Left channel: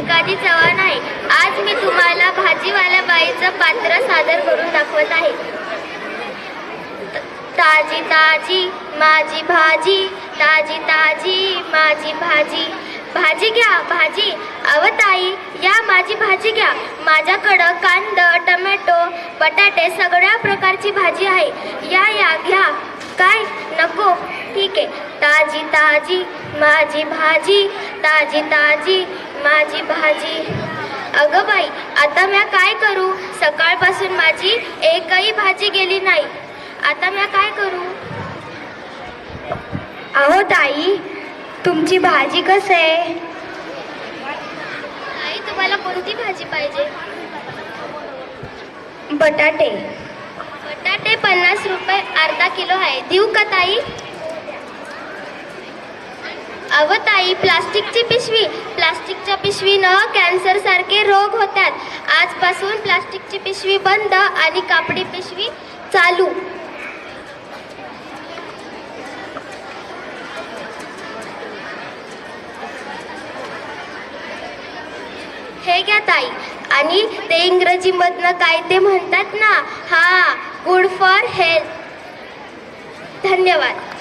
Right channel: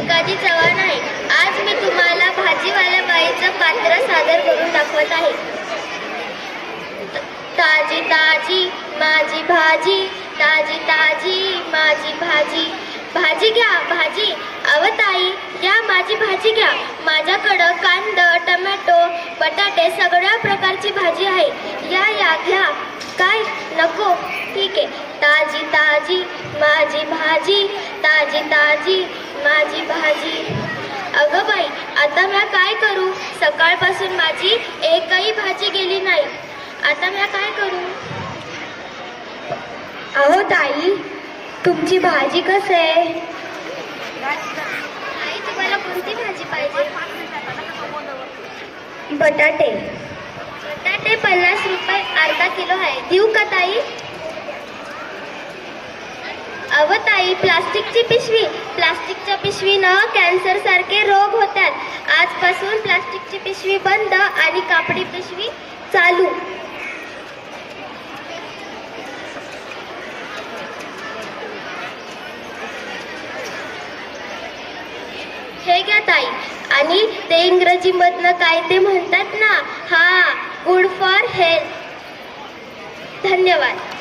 भिकाजी चव्हाण आहे. आज मी तुम्हाला भाजीवाल्या बाईचं पात्र सादर करून दाखवत आहे. ताजी ताजी माझी भाजी, ताजी ताजी माझी भाजी. भाजी घ्या भाजी, अव ताई या माझी भाजी घ्या. माझ्याकडं कांदा, टमॅटो, बटाटे सगळ्या प्रकारची भाजी आहे. या या घ्या. काय नको? ठीक आहे. ताजी ताजी माझी भाजी, ताजी ताजी माझी भाजी. अगं बाई, आता मी काय करू? सकाळपासून माझी एकही भाजी गेली नाही. आता मी काय करू? अहो ताई, तुमची भाजी कसं आहे? आई, तुम्हाला कोणती भाजी पाहिजे? बटाटे. बटाटे 50 रुपये अर्धा किलो आहे. देऊ का ताई? अव ताई, प्लास्टिकची पिशवी. प्लास्टिकच्या पिशवीनं कॅन्सर सारखे रोग होतात. आजपासून प्लास्टिकची पिशवी बंद आणि कापडी पिशवी चालू. हे घ्या ताई. आणि ते इंग्रजीमधनं काय ते म्हणतात ना, हा, गुड फॉर हेल्थ. धन्यवाद.